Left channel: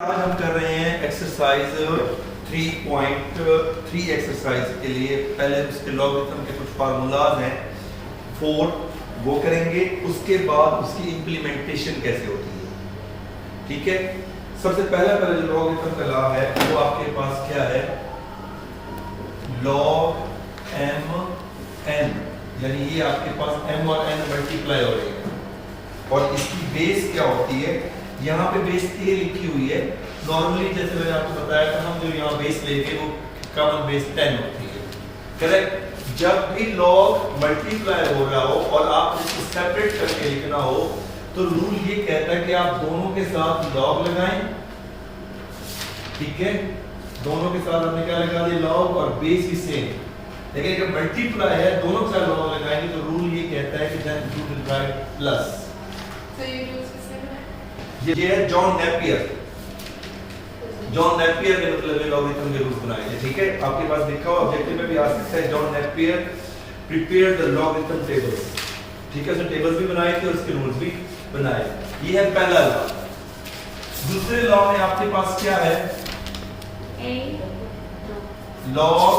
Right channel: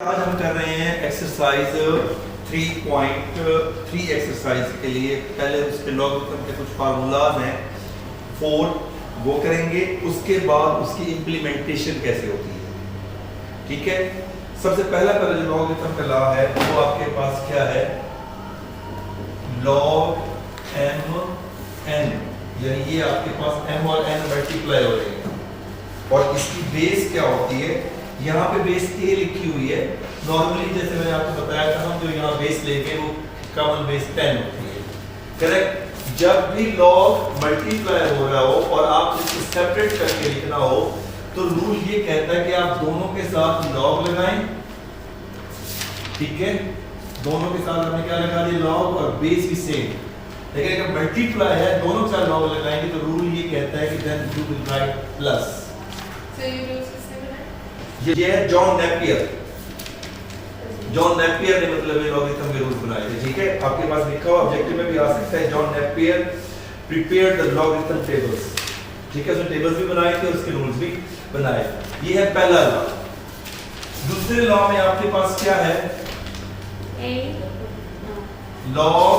आज हम कर रहे हैं एक्सरसाइज 3.3 एक्सरसाइज के लिए। पहले उसके लॉगरिथम के कुछ फार्मूलाज हैं 4 वो करेंगे, उसके बाद उसकी इम्प्लीमेंटेशन कैसे होती है। ठीक है, सबसे पहला जो लॉगरिथम का लॉ है वो आपके पास क्या है, लॉग m n, यानी ये आपके पास m और n मल्टीप्लाई हो रहे हैं और इसकी बेस क्या होती है, यहाँ पे बेस a लिखी हुई है। नॉर्मली जैसे मैंने आपको बताया था, हम जो यहाँ बेस लेंगे वो कॉमन बेस 10 होती है। करेक्ट। जब भी लॉग मल्टीप्लाई हो रहा हो और आप इसको सेपरेट करके लिखना हो तो रूल ये कहता है कि आप दोनों के साथ लॉग लगाएं। ठीक है, दोनों के साथ आपने क्या लगा दिया, लॉग, और बेस भी सेम। लेकिन अगर मल्टीप्लाई है दोनों के साथ लॉग लगाएंगे तो रूल ये कहता है कि then you will write plus. ये है जॉन नेपियर। जॉन नेपियर ने मतलब लॉगरिथम के रूल्स बनाए थे। ठीक है, आपके पास लिखा हुआ ऑब्जेक्टिव में भी आ सकता है, John Napier prepared the logarithm tables. ठीक है, उसने टेबल्स भी बनाए थे और उसके रूल्स भी बनाए। ये है पहला लॉ। दूसरे लॉ में आपके पास क्या है, लॉग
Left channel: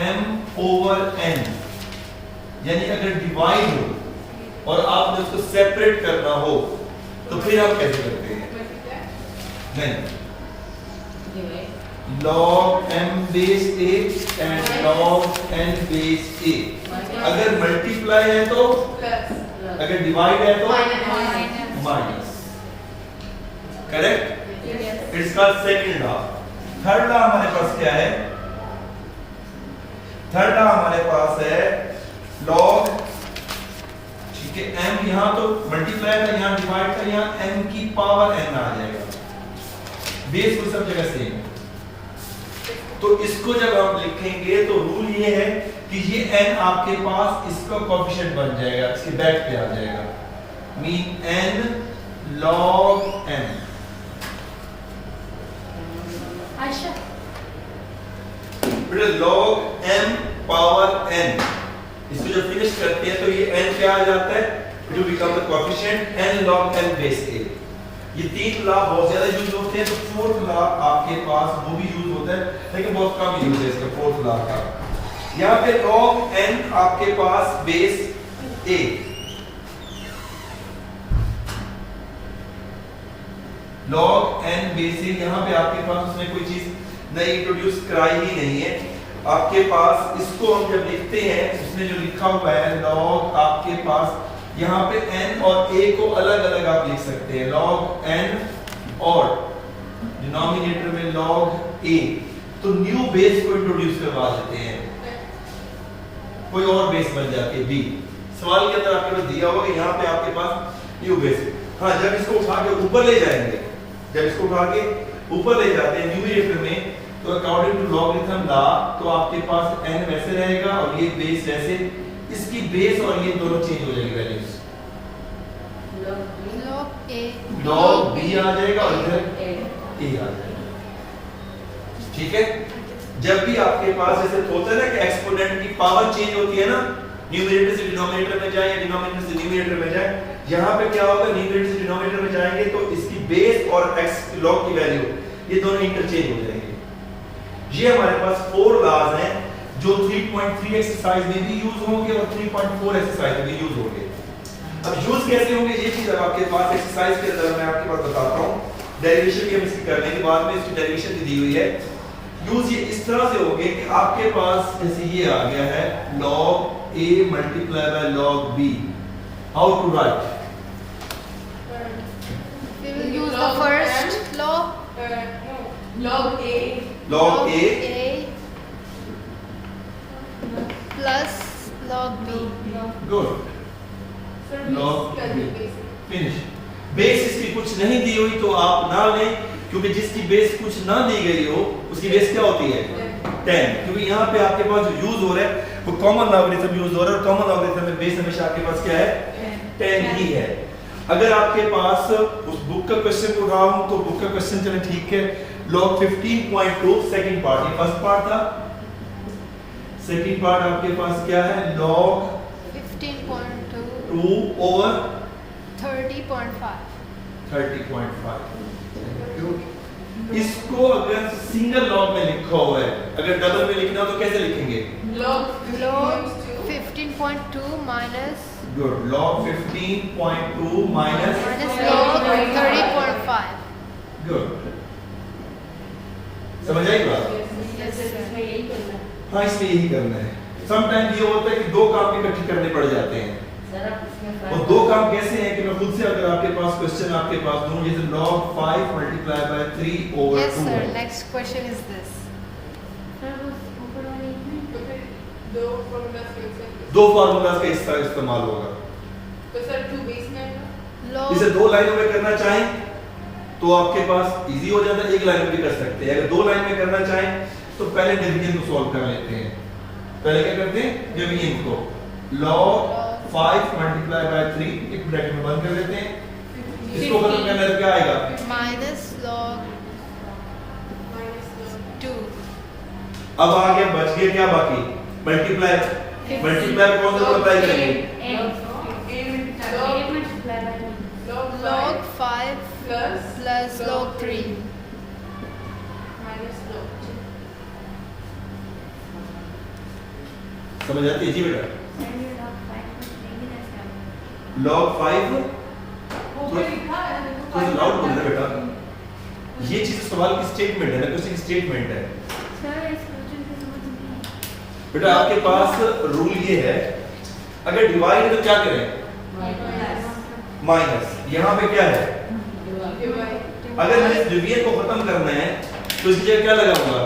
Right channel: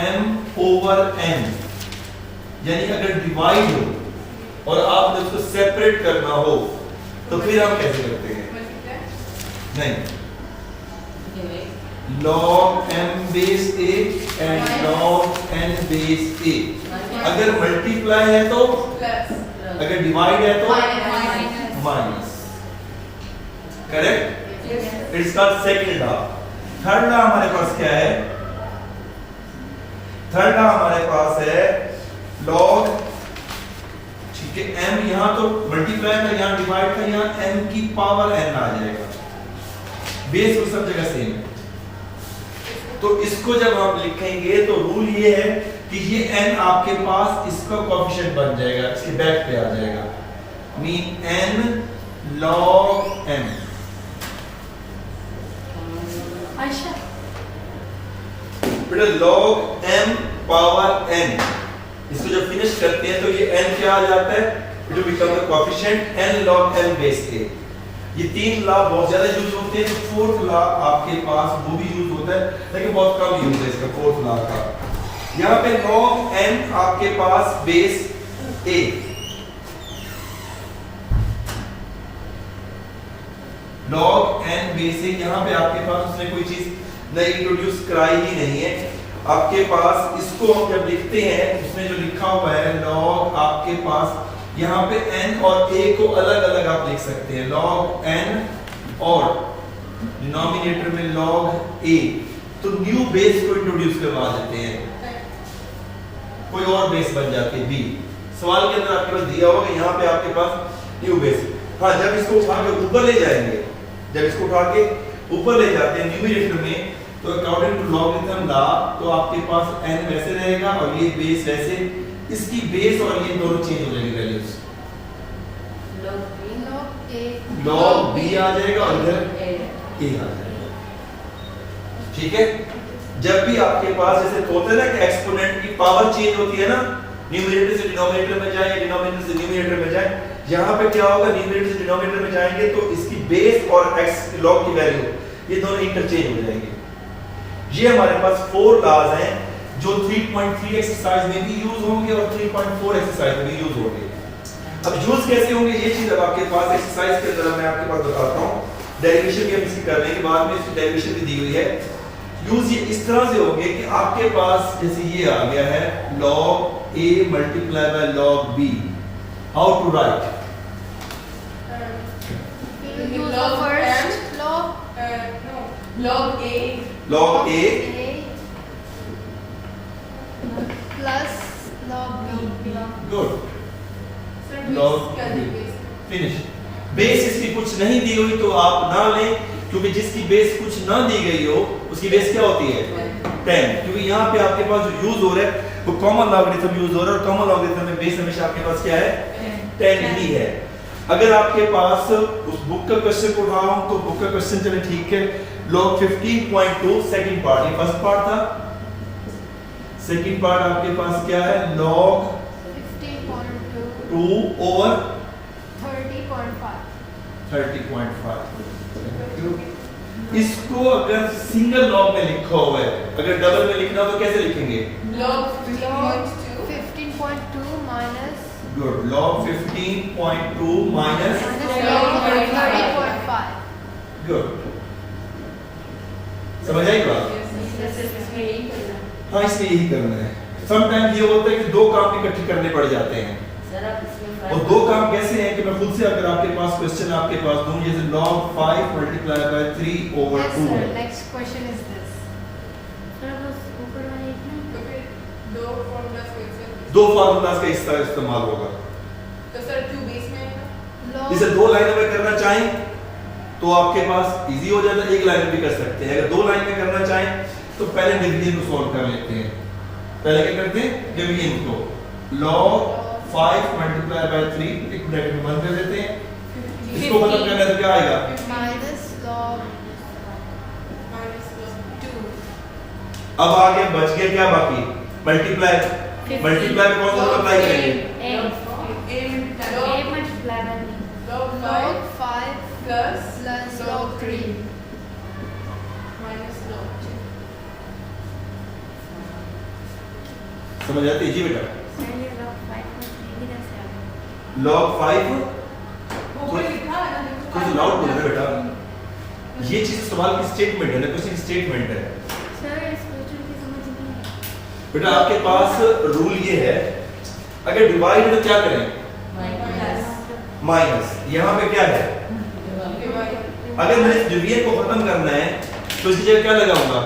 m ओवर n, यानी अगर डिवाइड हो और आपने उसको सेपरेट करना हो तो फिर आप कैसे करते हैं, नहीं, log m base a and log n base a। अगर मल्टीप्लाई है तो प्लस, अगर डिवाइड है तो माइनस। करेक्ट, इसका सेकंड हाफ। थर्ड लॉ हमारे पास क्या है, थर्ड लॉ हमारे पास है log, ठीक है, m यहां तो मल्टीप्लाई का, यहां डिवाइड का, यहां m की पावर n आ जाएगा। बेस तो सब जगह सेम है। तो इसको जब आप लिखेंगे तो रूल ये है कि ये n आपके पास इसका कोएफिशिएंट बन जाएगा, इसके बैक पे आ जाएगा, मीन n log m। अच्छा, बेटा log m पावर n, इसको जब फिनिश करते हैं तो ये n क्या आ जाता है, it will become the coefficient n log n base a। ये तीन लॉ बहुत ज्यादा यूज होते हैं, तो फोर्थ लॉ आपके पास वो भी यूज होता है लेकिन बहुत कम यूज है इसका, फोर्थ लॉ का। यहाँ पे log n आपके पास base a, log n base a, यहाँ पे आपके पास उसने कोई चीज नई इंट्रोड्यूस कराई ही नहीं है। आपके पास इसको हम जब लिखते हैं, उसने जो लिखा हुआ है log, आपके पास यहाँ पे n और a को अलग अलग आप लिख सकते हैं, log n और डिनोमिनेटर में log a, तो न्यू बेस को इंट्रोड्यूस करवा देते हैं, कोई और बेस बन जाती है b। सवाल के अंदर आपके पास दिया होगा, यहाँ पे आपके पास न्यू बेस। हाँ, जब इसको उठा के ऊपर ले जाएंगे, जब इसको उठा के ऊपर ले जाते हैं न्यूमरेटर में, तो अकॉर्डिंग टू लॉगरिथम लॉ तो आपके पास n वैसे रहेगा और ये बेस वैसे, इसकी बेस और ये दोनों चेंज हो जाएगी वैल्यूज, log b आ जाएगा और इधर a आ जाएगा। ठीक है, जब भी आपके पास जैसे होता है ना कि एक्सपोनेंट की पावर चेंज होती है ना, न्यूमरेटर से डिनोमिनेटर में जाए या डिनोमिनेटर से न्यूमरेटर में जाए, यहाँ पे क्या होगा, न्यूमरेटर से डिनोमिनेटर में जाएंगे तो इसकी बेस और x log की वैल्यू ये दोनों इंटरचेंज हो जाएंगे। ये हमारे पास 4 लॉज हैं जो 3.3 एक्सरसाइज में भी यूज होंगे और 3.4 एक्सरसाइज में भी यूज होंगे। अब यूज कैसे होंगे ये चीज अब आपके पास एक्सरसाइज के अंदर मैं आपके पास बताता हूं। डेरिवेशन की हम इसकी कर लेंगे बाद में, इसकी डेरिवेशन भी दी हुई है। यूज ये इस तरह से होंगे कि आपके पास जैसे ये आ गया है log a multiply by log b, how to write, log a plus log b, good, log finish. Base इसकी कुछ नहीं दी हुई तो आप ना लें, क्योंकि जिसकी बेस कुछ ना दी गई हो उसकी बेस क्या होती है 10, क्योंकि यहाँ पे आपके पास जो यूज हो रहा है वो कॉमन लॉगरिथम यूज हो रहा है और कॉमन लॉगरिथम में बेस हमेशा आपके पास क्या है 10 ही है। अगर आपके पास उस बुक का क्वेश्चन को उठाऊं तो बुक का क्वेश्चन चले ठीक है, log 15.2 सेकंड पार्ट, ये फर्स्ट पार्ट था, सेकंड पार्ट आपके पास क्या है, log 15.2 ओवर 30.5। 30.5 इसको अगर सिंगल लॉग में लिखा हुआ है, अगर डबल में लिखना हो तो कैसे लिखेंगे? log log 15.2 15.2 minus good, log 15.2 minus log 30.5. Good, समझ आई बात? हाँ, इसमें यही करना है। समटाइम ये होता है कि दो काम इकट्ठे करने पड़ जाते हैं, और दो काम कैसे हैं कि मैं खुद से अगर आपके पास क्वेश्चन आपके पास दूं, जैसे log 5 multiplied by 3 over Yes 2 sir. है। Next question is this. दो formulas को एक साथ दो फार्मूलाज का इस तरह इस्तेमाल होगा। तो सर 2 बेस में आएगा। Log इसे दो लाइनों में करना चाहें तो आपके पास इजी हो जाता है, एक लाइन में भी कर सकते हैं। अगर दो लाइन में करना चाहें तो पहले डिवीजन को सॉल्व कर लेते हैं। पहले क्या करते हैं? डिवीजन को log 5 multiplied by 3 एक ब्रैकेट में बंद कर देते हैं। इसको खत्म करना है तो क्या आएगा? minus log minus log 2. अब आगे बच गया क्या बाकी? मल्टीप्लाई। मल्टीप्लाई कौन सा मल्टीप्लाई करेंगे? log 5 Log 5 plus plus log 3. minus log 2 समझ आती है जी बेटा? log 5 ऊपर लिखा है कुछ लाउड बोल रहे बेटा। ये चीज सवाल की स्टेटमेंट है ना, क्वेश्चन की स्टेटमेंट है बेटा। आपके पास रूल ये है, अगर डिवाइड है तो क्या करें? माइनस। यहाँ पे क्या है? डिवाइड अगर मैंने डिवीजन को खत्म करना है तो इसकी जगह क्या लगाऊंगा?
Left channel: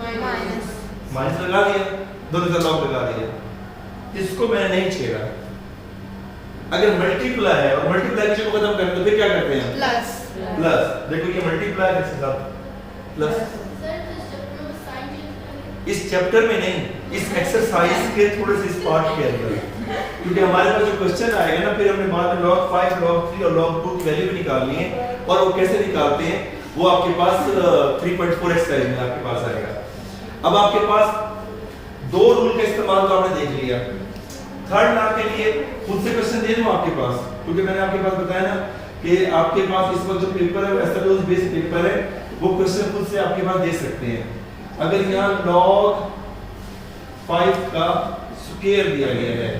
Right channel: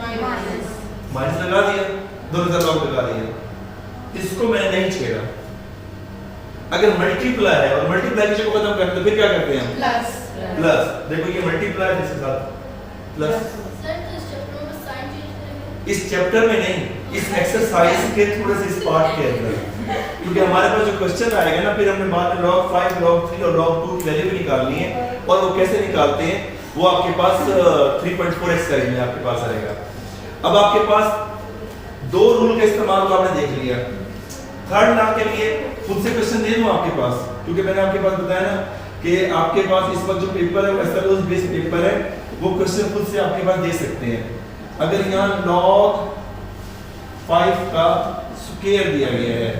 माइनस माइनस लगा दिया, दोनों तरफ लॉग लगा दिया। इसको मैंने नहीं छेड़ा। अगर मल्टीप्लाई है और मल्टीप्लिकेशन को खत्म करते तो फिर क्या करते हैं? Plus. प्लस। देखो ये मल्टीप्लाई है इसके साथ प्लस। इस चैप्टर में नहीं, इस एक्सरसाइज के थोड़े से इस पार्ट के अंदर, क्योंकि हमारे पास जो क्वेश्चन आएगा ना, फिर हमने बाद में log 5, log 3 और log 2 की वैल्यू भी निकालनी है। और वो कैसे निकालते हैं वो आपके पास 3.4 एक्सरसाइज में आपके पास आएगा। अब आपके पास दो रूल का इस्तेमाल तो आपने देख लिया। थर्ड लॉ के लिए खुद से क्वेश्चन दे दूं आपके पास, क्योंकि मैंने आपके पास बताया ना कि आपके पास इस वक्त जो पेपर है एसएलओ बेस्ड पेपर है, वो क्वेश्चन खुद से आपके पास दे सकते हैं। अगर यहाँ log 5 का स्क्वायर दिया गया है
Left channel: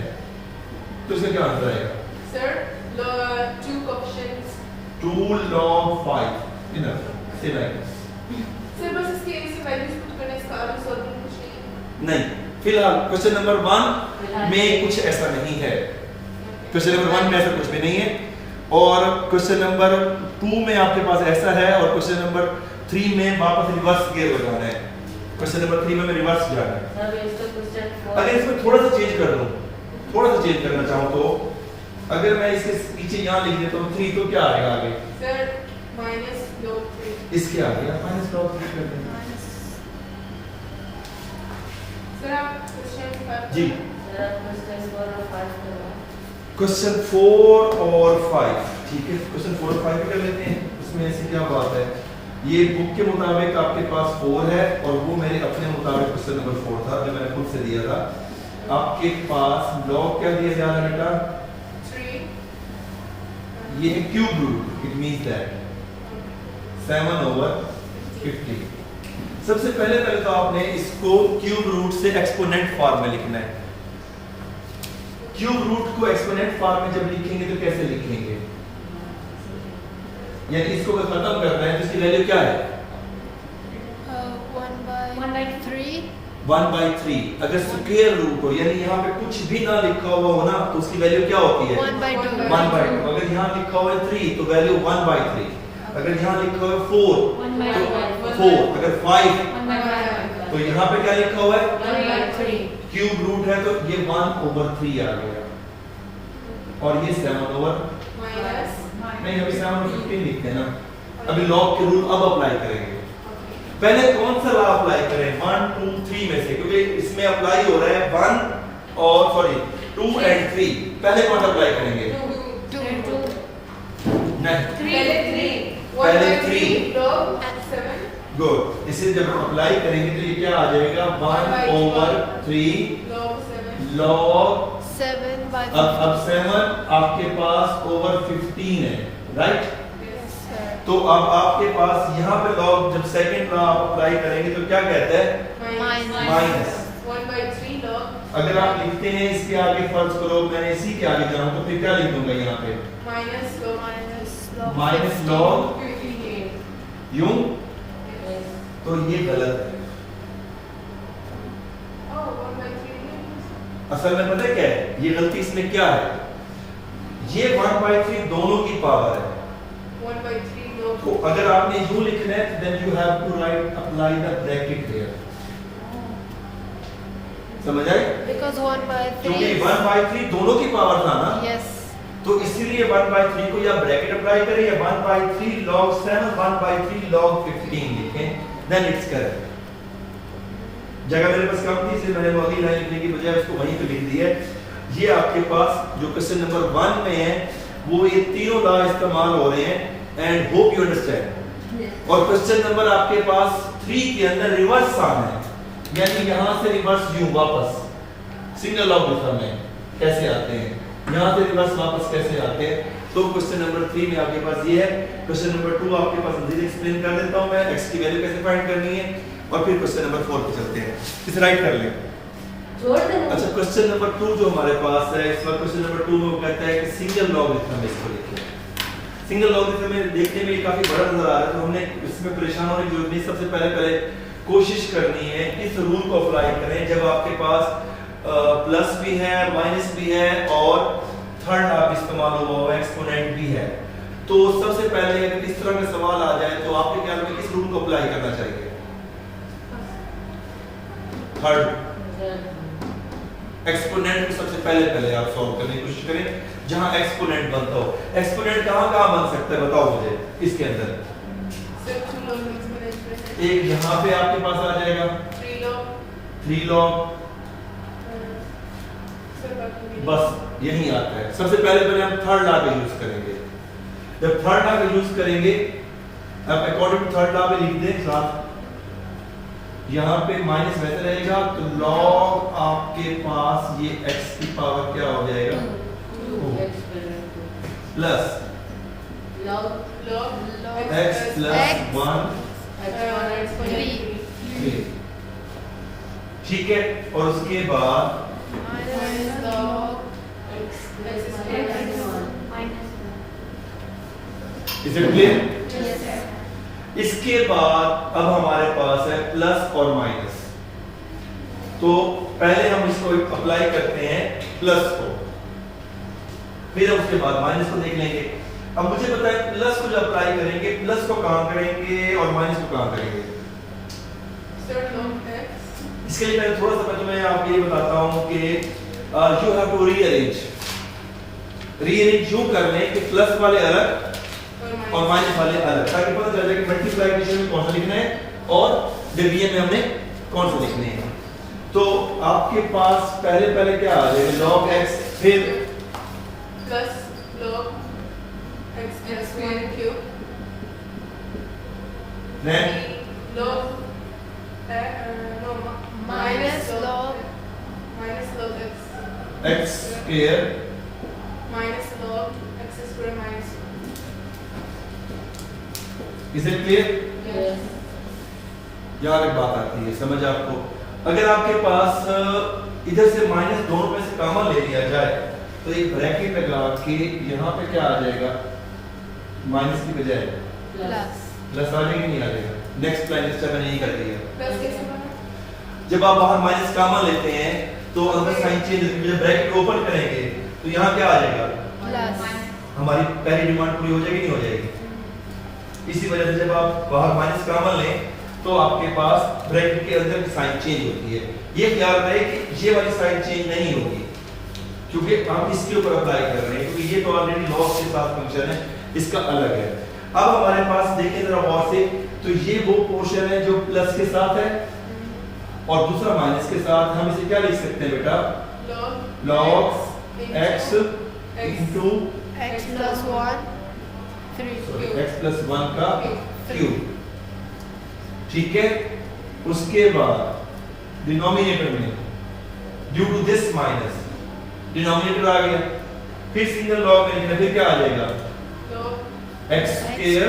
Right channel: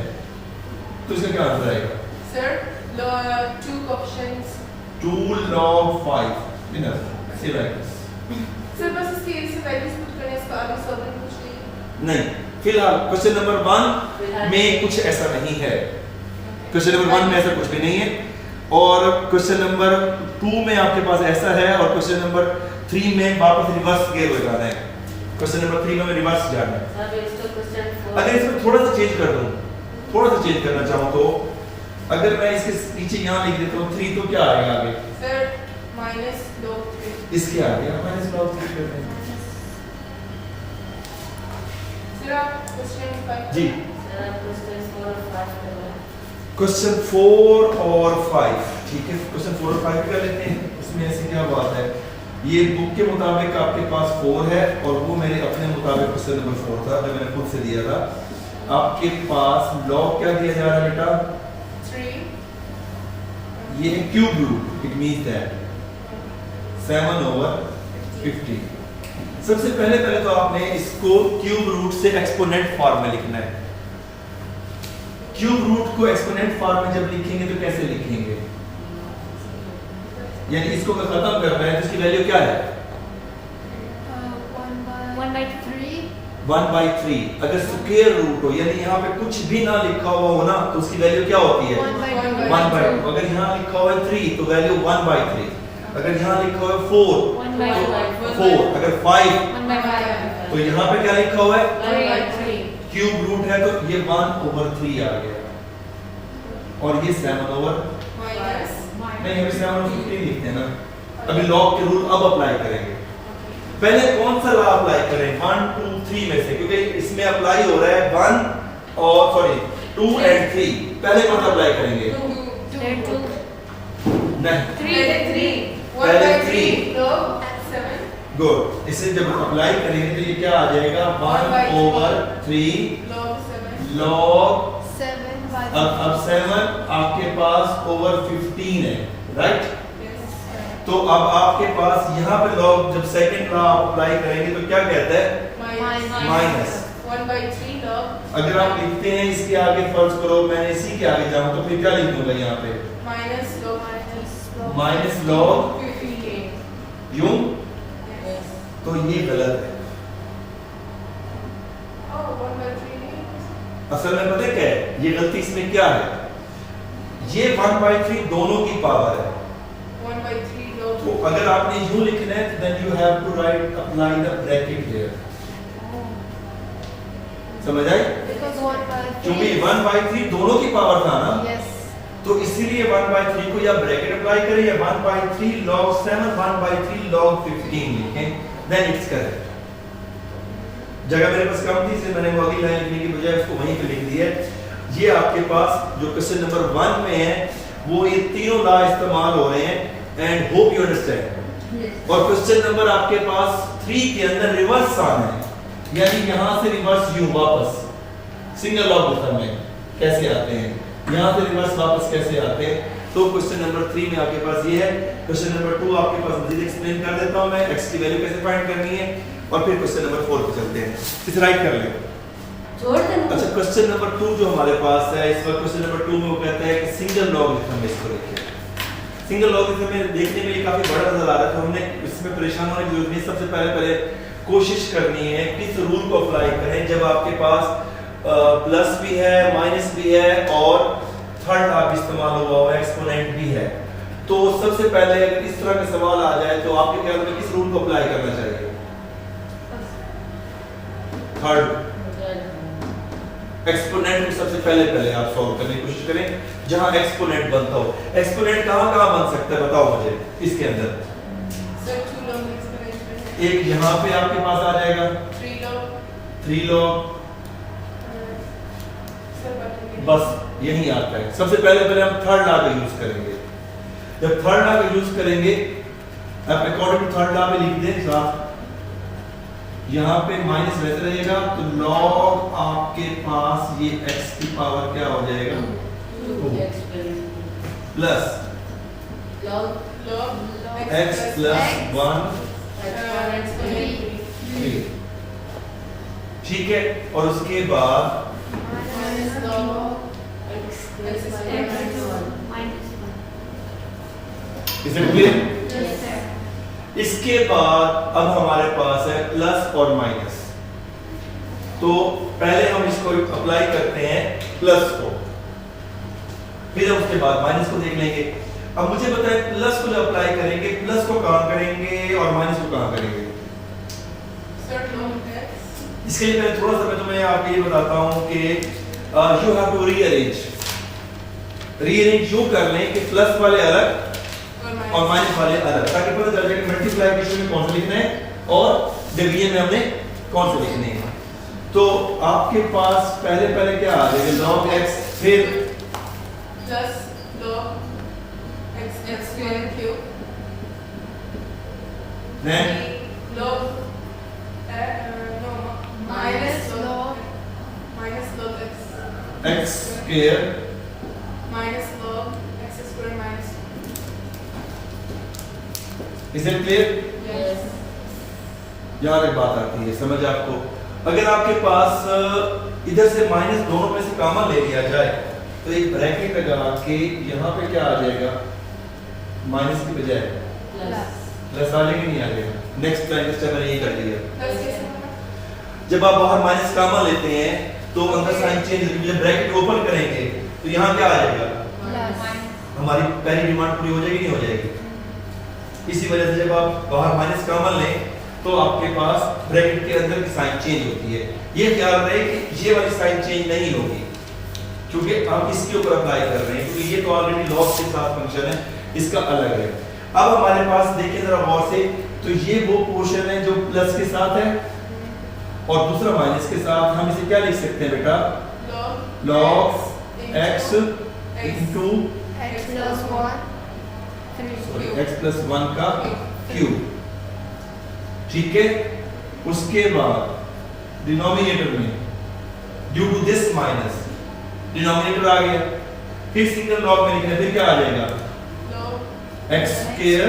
तो इसका क्या आंसर आएगा? Sir log 2 options 2 log 5 enough से लाइक सर बस इसके से वैल्यूज पुट करने इसका आगे सॉल्विंग कुछ नहीं नहीं। फिलहाल क्वेश्चन नंबर 1 में कुछ ऐसा नहीं है। क्वेश्चन नंबर 1 में ऐसा कुछ भी नहीं है, और क्वेश्चन नंबर 2 में आपके पास ऐसा है, और क्वेश्चन नंबर 3 में वापस रिवर्स गियर लगाना है। क्वेश्चन नंबर 3 में रिवर्स जाना है। अगर इसमें थोड़ा सा चेंज कर दूं, थोड़ा सा चेंज करना चाहूं तो अगर मैं इसके पीछे यहां लिख देता हूं 3 तो क्या आएगा आगे? सर माइनस log 3 इसके आगे माइनस log 3 कर देंगे। सर आप क्वेश्चन 5 जी क्वेश्चन 4 और 5 ठीक है। क्वेश्चन 4 और 5 भी कर लेते हैं। इसमें ऐसी क्या बात है, ये बुक के मुताबिक आपके पास 4 है और वो मेरे अपने मुताबिक क्वेश्चन नंबर 4 था जो मैंने खुद से दिया था। आपके पास log क्या दिया जा रहा है बेटा? 3 ये cube root, it means that 7/50। सबसे पहले तो आपने इसको क्यूब रूट से एक्सपोनेंट फॉर्म में लिखना है। क्यूब रूट को एक्सपोनेंट फॉर्म में जब लिखेंगे तो कैसे लिखेंगे? यानी इसको अगर खत्म करना है तो इसकी वैल्यू क्या है? 1/3। अगर स्क्वायर रूट हो यानी यहाँ पे कुछ भी ना लिखा हुआ हो ना तो उसकी वैल्यू क्या होती है? 1/2. 1/2। अगर यहाँ लिखा हुआ है 3 तो वैल्यू 1/3। अगर यहाँ लिखा हुआ है 4 तो 4। अगर 5 तो यहाँ पे क्या लिखा हुआ है? क्यूब रूट है तो ये 1/3 आ गया, और ये 7/, माइनस नहीं अभी 7/15 लिखते हैं ना। अभी लॉग के रूल अब अप्लाई करेंगे। पहले कौन सा लॉ अप्लाई करें? 1 2 3 में से, क्योंकि इसमें अप्लाई हो रहा है 1 और सॉरी 2 and 3। पहले कौन सा अप्लाई करेंगे? 2. नहीं पहले 3 log 7 गुड। इसे जब अप्लाई करेंगे तो ये क्या आ जाएगा? 1/3 log 7 log 7/15. अब 7 आपके पास over 15 है, राइट? yes sir तो अब आपके पास यहाँ पे लॉग जब सेकंड लॉ अप्लाई करेंगे तो क्या कहता है माइनस। 1/3 log अगर आप लिखते हैं इसके आगे फर्ज करो मैं इसी के आगे जाऊं तो फिर क्या लिख दूंगा यहाँ पे माइनस लॉग 58 यूं, तो ये गलत है। oh 1/3 असल में पता है क्या है ये गलती इसमें क्या है, ये 1/3 दोनों की पावर है। 1/3 log तो अगर आपने यूं लिखना है then you have to write apply the bracket there. समझ आई? Because 1/3. क्योंकि 1/3 दोनों की पावर था ना, Yes. तो इसीलिए 1/3 को या ब्रैकेट अप्लाई करें या 1/3 log 7 1/3 log 15 लिखें, देन इट्स करेक्ट। जगह मेरे पास कम थी इसलिए मैंने वो अगली लाइन लिखने की बजाय उसको वहीं पे लिख दिया है। ये आपके पास जो क्वेश्चन नंबर 1 में है वो ये तीनों लॉ इस्तेमाल हो रहे हैं एंड होप यू अंडरस्टैंड। और क्वेश्चन नंबर आपके पास 3 के अंदर रिवर्स आना है, यानी यहां से रिवर्स यू वापस सिंगल लॉ मेथड में कैसे आते हैं, यहां से रिवर्स वापस कैसे आते हैं। तो क्वेश्चन नंबर 3 में आपके पास ये है। क्वेश्चन नंबर 2 आपके पास मजीद एक्सप्लेन कर देता हूं मैं, x की वैल्यू कैसे फाइंड करनी है, और फिर क्वेश्चन नंबर 4 पे चलते हैं। इसे राइट कर लें। अच्छा, क्वेश्चन नंबर 2 जो हमारे पास है इस वक्त, क्वेश्चन नंबर 2 में वो कहता है कि सिंगल लॉगरिथम इसको लिखिए। सिंगल लॉगरिथम में देखने में ये काफी बड़ा नजर आ रहा है, तो हमने इसमें परेशान होने की जरूरत नहीं। सबसे पहले कोशिश करनी है किस रूल को अप्लाई करें जब आपके पास प्लस भी है माइनस भी है और थर्ड आप इस्तेमाल हुआ हुआ एक्सपोनेंट भी है। तो सबसे पहले अगर इस तरह का सवाल आ जाए तो आपके ख्याल में किस रूल को अप्लाई करना चाहिए? थर्ड एक्सपोनेंट को सबसे पहले आप सॉल्व करने की कोशिश करें जहां एक्सपोनेंट बनता हो। एक्सपोनेंट कहां बन सकता है बताओ मुझे इसके अंदर। एक यहाँ पे आपके पास आ जाएगा 3 log, बस यही आता है। सबसे पहले हम थर्ड लॉ का यूज करेंगे। जब थर्ड लॉ का यूज करेंगे आप अकॉर्डिंग टू थर्ड लॉ में लिख दें साथ, यहाँ पे माइनस वैसे रहेगा तो log आपके पास ये x की पावर क्या हो जाएगा प्लस x प्लस 1 ठीक है। और उसके बाद इसे क्लियर। इसके बाद अब हमारे पास है प्लस और माइनस, तो पहले हम इसको अप्लाई करते हैं प्लस को, फिर उसके बाद माइनस को देख लेंगे। अब मुझे बताएं प्लस को जब अप्लाई करेंगे प्लस को कहां करेंगे और माइनस को कहां करेंगे? इसके लिए पहले थोड़ा सा मैं तुम्हें आपको ये बताता हूं कि यू हैव टू रीअरेंज यूं कर लें कि प्लस वाले अलग और माइनस वाले अलग, ताकि पता चल जाए कि मल्टीप्लिकेशन में कौन सा लिखना है और डिवीजन में हमने कौन सा लिखने हैं। तो आपके पास पहले क्या आ जाएगा log x, फिर plus log x square cube, then log Minus log x square minus log x square minus is it clear? यार एक बात आती है समझ आपको, अगर आपके पास इधर से माइनस दोनों में से कॉमन ले लिया जाए तो एक ब्रैकेट लगा के यहाँ पे क्या आ जाएगा माइनस की बजाय प्लस आ जाएगा नहीं आ जाएगा? नेक्स्ट लाइन स्टेप मैंने ये कर दिया। प्लस कैसे बना? जब आप बाहर माइनस कॉमन लेते हैं तो अंदर साइन चेंज, जब ब्रैकेट ओपन करेंगे तो यहाँ क्या आ जाएगा? हमारी पहली डिमांड पूरी हो जाएगी नहीं हो जाएगी? इसी वजह से जब आप बाहर माइनस कॉमन लें तो आपके पास ब्रैकेट के अंदर की साइन चेंज होती है। ये ख्याल रहे कि ये वाली साइन चेंज नहीं होगी क्योंकि आप इसके ऊपर अप्लाई कर रहे हैं, क्योंकि ये तो ऑलरेडी लॉग के साथ फंक्शन है, इसका अलग है। अब हमारे पास देखिए जरा गौर से, तो ये वो पोर्शन है जो प्लस के साथ है और दूसरा माइनस के साथ। हम इसे क्या लिख सकते हैं बेटा? log x into x plus 1 3 x plus 1 का क्यूब, ठीक है। उसके बाद डिनोमिनेटर में due to this minus denominator आ गया, फिर सिंगल लॉग में लिखना, फिर क्या आ जाएगा? x स्क्वायर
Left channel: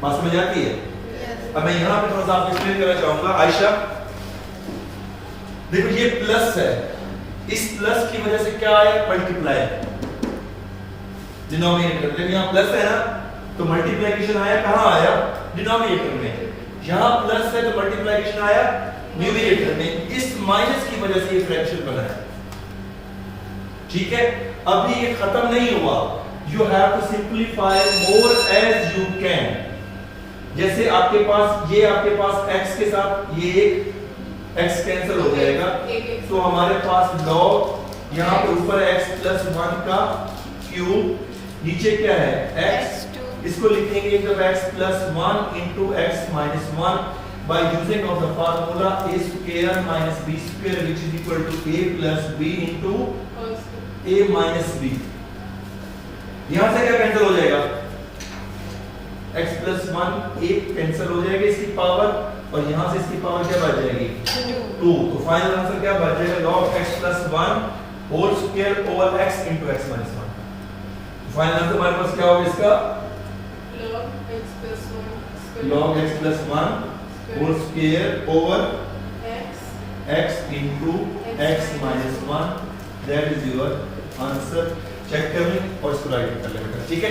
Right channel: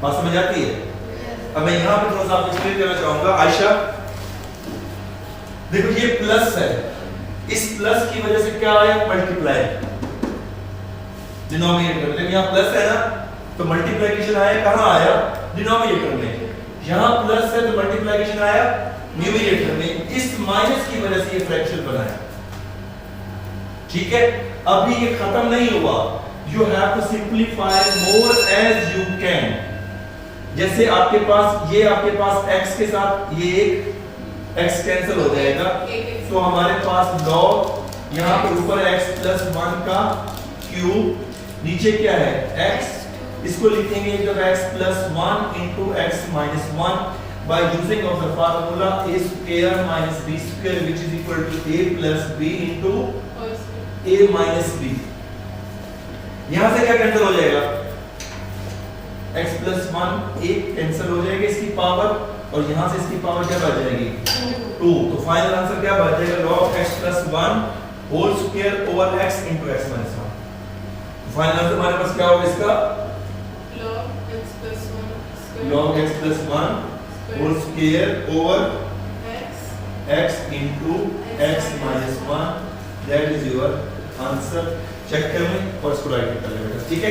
बात समझ आती है? Yes. अब मैं यहाँ पे थोड़ा सा आपको एक्सप्लेन करना चाहूंगा। आयशा देखो ये प्लस है, इस प्लस की वजह से क्या आया? मल्टीप्लाई। डिनोमिनेटर जब यहाँ प्लस है ना तो मल्टीप्लिकेशन आया, कहाँ आया? डिनोमिनेटर में। यहाँ प्लस है तो मल्टीप्लिकेशन आया न्यूमरेटर में। इस माइनस की वजह से ये फ्रैक्शन बना है। ठीक है, अभी ये खत्म नहीं हुआ। You have to simplify more as you can. जैसे आपके पास ये आपके पास x के साथ ये एक x कैंसिल हो जाएगा, तो हमारे पास log यहाँ पे ऊपर x प्लस 1 का क्यूब, नीचे क्या है? x। इसको लिखेंगे जब x plus 1 into x minus 1 by using of the formula a square minus b square which is equal to a plus b into a minus b। यहाँ से क्या कैंसिल हो जाएगा? x प्लस 1 एक कैंसिल हो जाएगी इसकी पावर, और यहाँ से इसकी पावर क्या बच जाएगी? 2। तो फाइनल आंसर क्या बच जाएगा? log x plus 1 whole square over x into x minus 1। Final answer हमारे पास क्या होगा इसका? log x plus 1 whole square over x into x minus 1। That is your answer. Check कर लें और इसको राइट कर लें बेटा, ठीक है?